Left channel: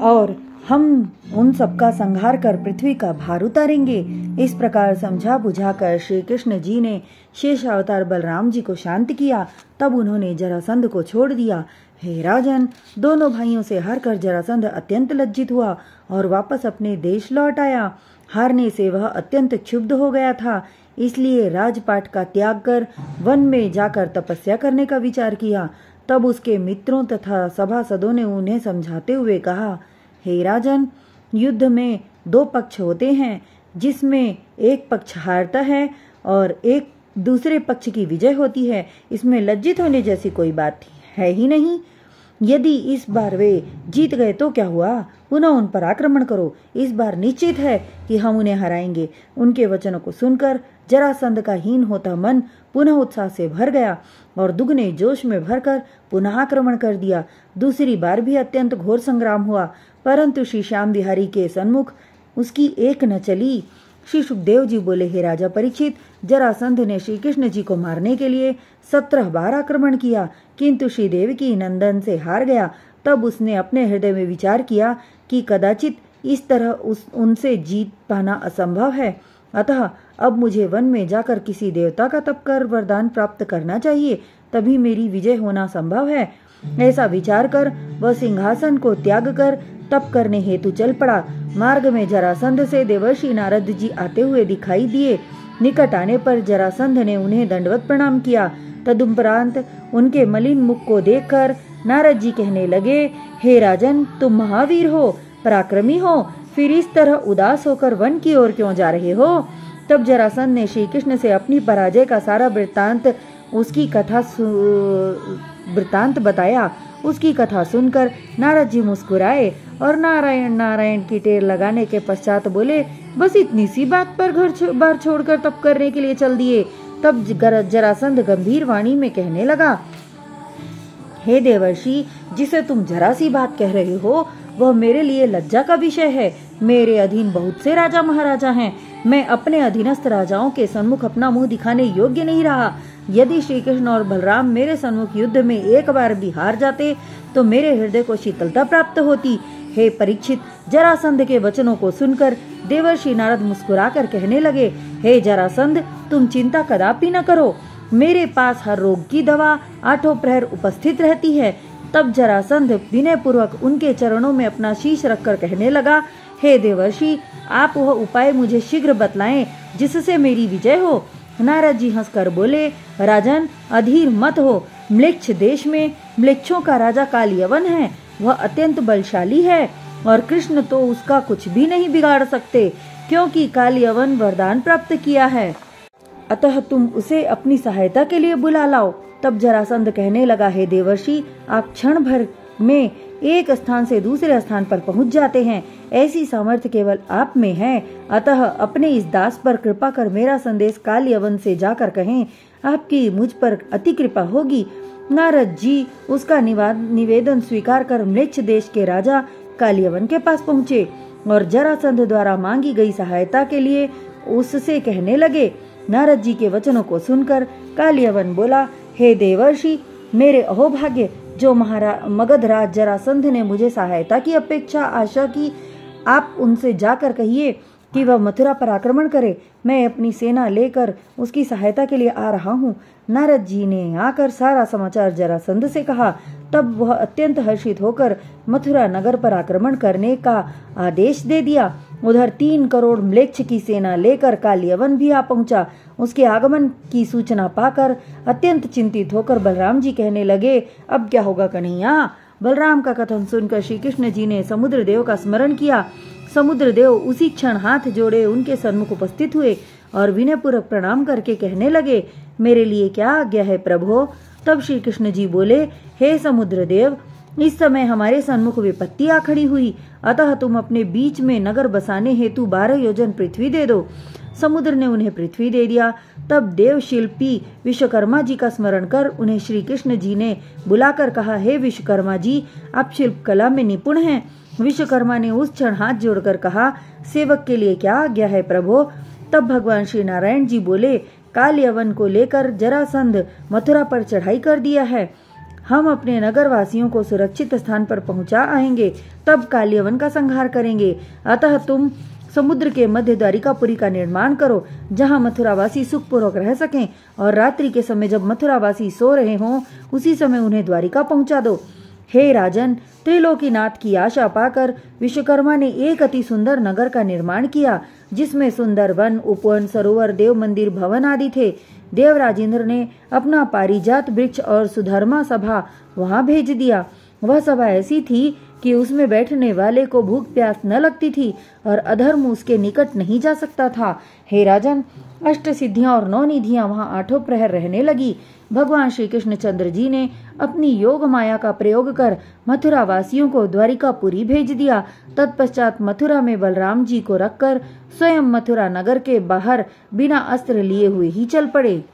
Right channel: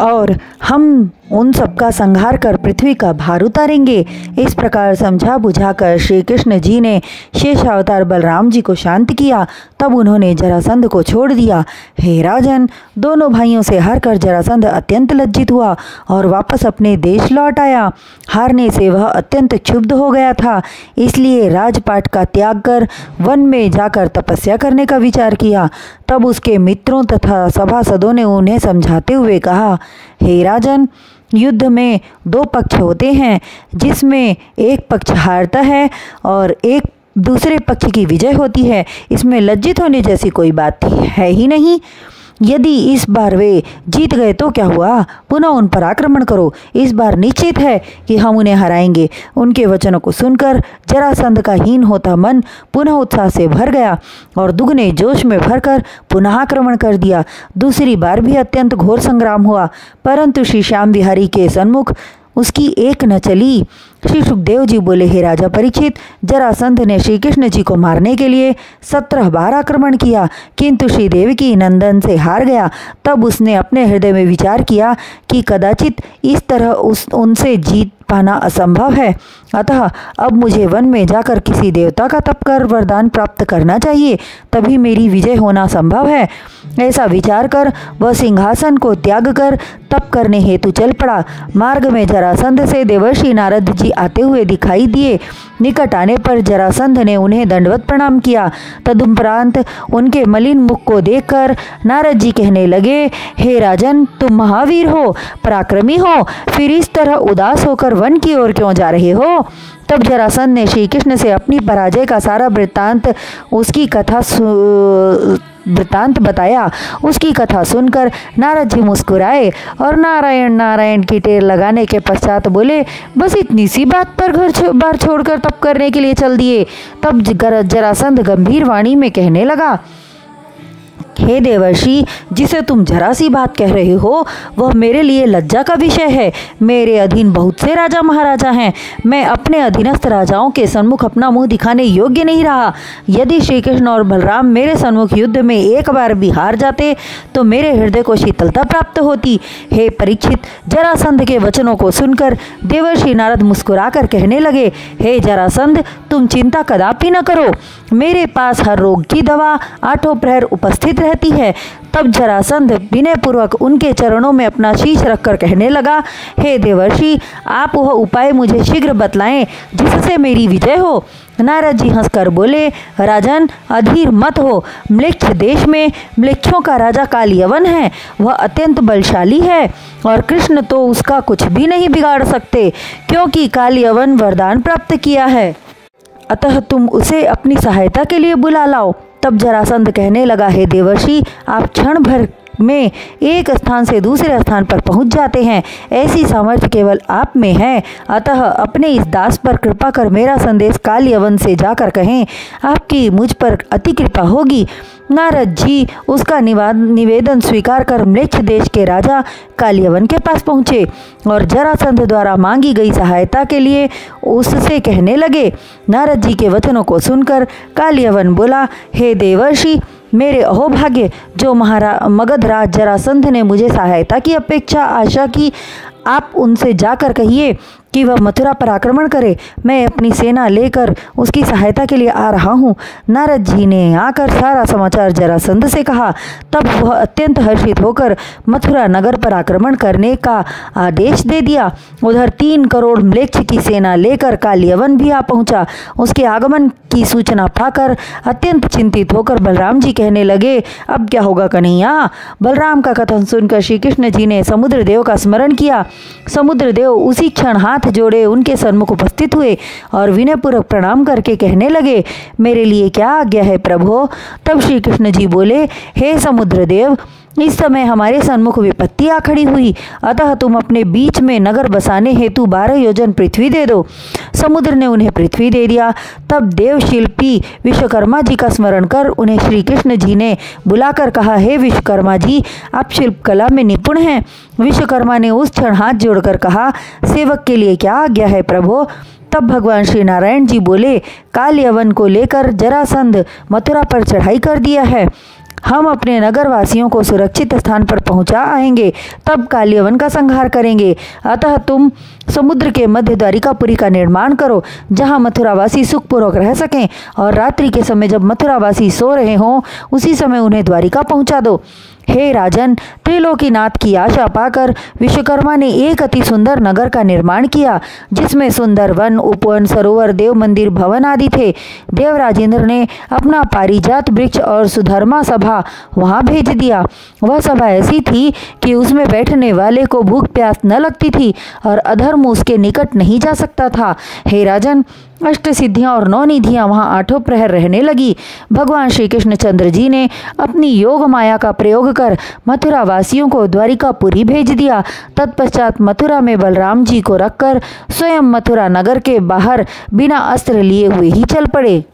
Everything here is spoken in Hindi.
और हम उन सबका संहार कर पृथ्वी का भार उतारेंगे। इस प्रकार समझा बुझाकर श्री कृष्ण जी ने शेष अवतार बलराम जी को शांत किया। तब उन्होंने जरासंध को छोड़ दिया। हे राजन, दोनों भाइयों से हार कर जरासंध अत्यंत लज्जित हुआ और वापस अपने देश लौट आया। हारने से वह अत्यंत क्षुब्ध हो गया था, इसलिए राजपाट का त्याग कर वन में जाकर तपस्या करने का विचार किया। तब उसके मित्रों तथा सभासदों ने उन्हें समझाते हुए कहा, हे राजन, युद्ध में दो पक्ष होते हैं, जिसमें एक पक्ष हारता है और एक दूसरे पक्ष की विजय होती है। इसमें लज्जित होने जैसी कोई बात है ही नहीं। यदि इस बार वे जीत गए तो क्या हुआ, पुनः उन पर आक्रमण करो। इस बार निश्चित है कि हम उन्हें हराएंगे। उनके वचनों को सुनकर जरासंध का हीन होता मन पुनः उत्साह से भर गया और दुगने जोश में भरकर पुनः आक्रमण कर दिया। दूसरी बार भी अत्यंत घोर संग्राम हुआ, परंतु श्री श्याम बिहारी के सन्मुख उसकी एक न चली। श्री सुखदेव जी बोले, हे राजा परीक्षित, जरासंध ने श्री कृष्ण जी को मारने के लिए 17 बार आक्रमण किया, किंतु श्री देवकी नंदन से हार गया। तब उसने अपने हृदय में विचार किया कि कदाचित इस तरह उनसे जीत पाना असंभव है, अतः अब मुझे वन में जाकर किसी देवता का तप कर वरदान प्राप्त करना चाहिए, तभी मेरी विजय होना संभव है। ऐसा विचार कर वह सिंहासन को त्याग कर तप करने हेतु चल पड़ा। मार्ग में जरासंध से देवर्षि नारद जी आते हुए दिखाई दिए। निकट आने पर जरासंध ने उन्हें दंडवत प्रणाम किया। तदुपरांत उनके मलिन मुख को देखकर नारद जी कहने लगे, हे राजन, तुम महावीर हो, पराक्रमी हो, फिर इस तरह उदास होकर वन की ओर क्यों जा रहे हो। तब जरासंध ने श्री कृष्ण से अपनी पराजय का सारा वृत्तांत बताया। उसकी कथा सुनकर नारद जी मुस्कुराए और नारायण नारायण की टेर लगाने के पश्चात बोले, बस इतनी सी बात पर घर बार छोड़कर तप करने के लिए चल दिए। तब जरासंध गंभीर वाणी में कहने लगा, हे देवर्षि, जिसे तुम जरा सी बात कह रहे हो वह मेरे लिए लज्जा का विषय है। मेरे अधीन बहुत से राजा महाराजा हैं, मैं अपने अधीनस्थ राजाओं के सन्मुख अपना मुंह दिखाने योग्य नहीं रहा। यदि श्री कृष्ण और बलराम मेरे सन्मुख युद्ध में एक बार भी हार जाते तो मेरे हृदय को शीतलता प्राप्त होती। हे परीक्षित, जरासंध के वचनों को सुनकर देवर्षि नारद मुस्कुराकर कहने लगे, हे जरासंध, तुम चिंता कदापि न करो, मेरे पास हर रोग की दवा 8 प्रहर उपस्थित रहती है। तब जरासंध विनय पूर्वक उनके चरणों में अपना शीश रखकर कहने लगा, हे देवर्षि, आप वह उपाय मुझे शीघ्र बतलाएं जिससे मेरी विजय हो। नारद जी हंसकर बोले, राजन, अधीर मत हो। म्लेच्छ देश में म्लेच्छों का राजा कालयवन है, वह अत्यंत बलशाली है और कृष्ण तो उसका कुछ भी नहीं बिगाड़ सकते, क्योंकि कालयवन वरदान प्राप्त किया है। अतः तुम उसे अपनी सहायता के लिए बुला लाओ। तब जरासंध कहने लगा, हे देवर्षि, आप क्षण भर में एक स्थान से दूसरे स्थान पर पहुंच जाते हैं, ऐसी सामर्थ्य केवल आप में है। अतः अपने इस दास पर कृपा कर मेरा संदेश कालयवन से जाकर कहें, आपकी मुझ पर अति कृपा होगी। नारद जी उसका निवेदन स्वीकार कर म्लेच्छ देश के राजा कालयवन के पास पहुँचे और जरासंध द्वारा मांगी गई सहायता के लिए उससे कहने लगे। नारद जी के वचनों को सुनकर कालयवन बोला, हे देवर्षि, मेरे अहोभाग्य, जो मगधराज जरासंध ने मुझे सहायता की अपेक्षा आशा की, आप उनसे जाकर कहिए कि वह मथुरा पर आक्रमण करे। मैं अपनी सेना लेकर उसकी सहायता के लिए आ रहा हूँ। नारद जी ने आकर सारा समाचार जरासंध से कहा। तब वह अत्यंत हर्षित होकर मथुरा नगर पर आक्रमण करने का आदेश दे दिया। उधर 3 करोड़ म्लेच्छ की सेना लेकर कालयवन भी आ पहुँचा। उसके आगमन की सूचना पाकर अत्यंत चिंतित होकर बलराम जी कहने लगे, अब क्या होगा कन्हैया। बलराम का कथन सुनकर श्री कृष्ण जी ने समुद्र देव का स्मरण किया। समुद्र देव उसी क्षण हाथ जोड़े उनके सन्मुख उपस्थित हुए और विनयपूर्वक प्रणाम करके कहने लगे, मेरे लिए क्या आज्ञा है प्रभो। तब श्री कृष्ण जी बोले, हे समुद्र देव, इस समय हमारे सन्मुख विपत्ति आ खड़ी हुई, अतः तुम अपने बीच में नगर बसाने हेतु 12 योजन पृथ्वी दे दो। समुद्र ने उन्हें पृथ्वी दे दिया। तब देव शिल्पी विश्वकर्मा जी का स्मरण कर उन्हें श्री कृष्ण जी ने बुलाकर कहा, हे विश्वकर्मा जी, आप शिल्प कला में निपुण हैं। विश्वकर्मा ने उस क्षण हाथ जोड़कर कहा, सेवक के लिए क्या आज्ञा है प्रभो। तब भगवान श्री नारायण जी बोले, कालयवन को लेकर जरासंध मथुरा पर चढ़ाई कर दिया है। हम अपने नगर वासियों को सुरक्षित स्थान पर पहुंचा आएंगे, तब कालियवन का संहार करेंगे। अतः तुम समुद्र के मध्य द्वारिकापुरी का निर्माण करो, जहां मथुरावासी सुखपूर्वक रह सकें, और रात्रि के समय जब मथुरावासी सो रहे हों उसी समय उन्हें द्वारिका पहुंचा दो। हे राजन, त्रिलोकीनाथ की आशा पाकर विश्वकर्मा ने एक अति सुंदर नगर का निर्माण किया, जिसमें सुंदर वन, उपवन, सरोवर, देव मंदिर, भवन आदि थे। देवराजेंद्र ने अपना पारिजात वृक्ष और सुधर्मा सभा वहां भेज दिया। वह सभा ऐसी थी कि उसमें बैठने वाले को भूख प्यास न लगती थी और अधर्म उसके निकट नहीं जा सकता था। हे राजन, अष्ट सिद्धियां और 9 निधियां वहां 8 प्रहर रहने लगी। भगवान श्री कृष्णचंद्र जी ने अपनी योग माया का प्रयोग कर मथुरा वासियों को द्वारिकापुरी भेज दिया। तत्पश्चात मथुरा में बलराम जी को रखकर स्वयं मथुरा नगर के बाहर बिना अस्त्र लिए हुए ही चल पड़े।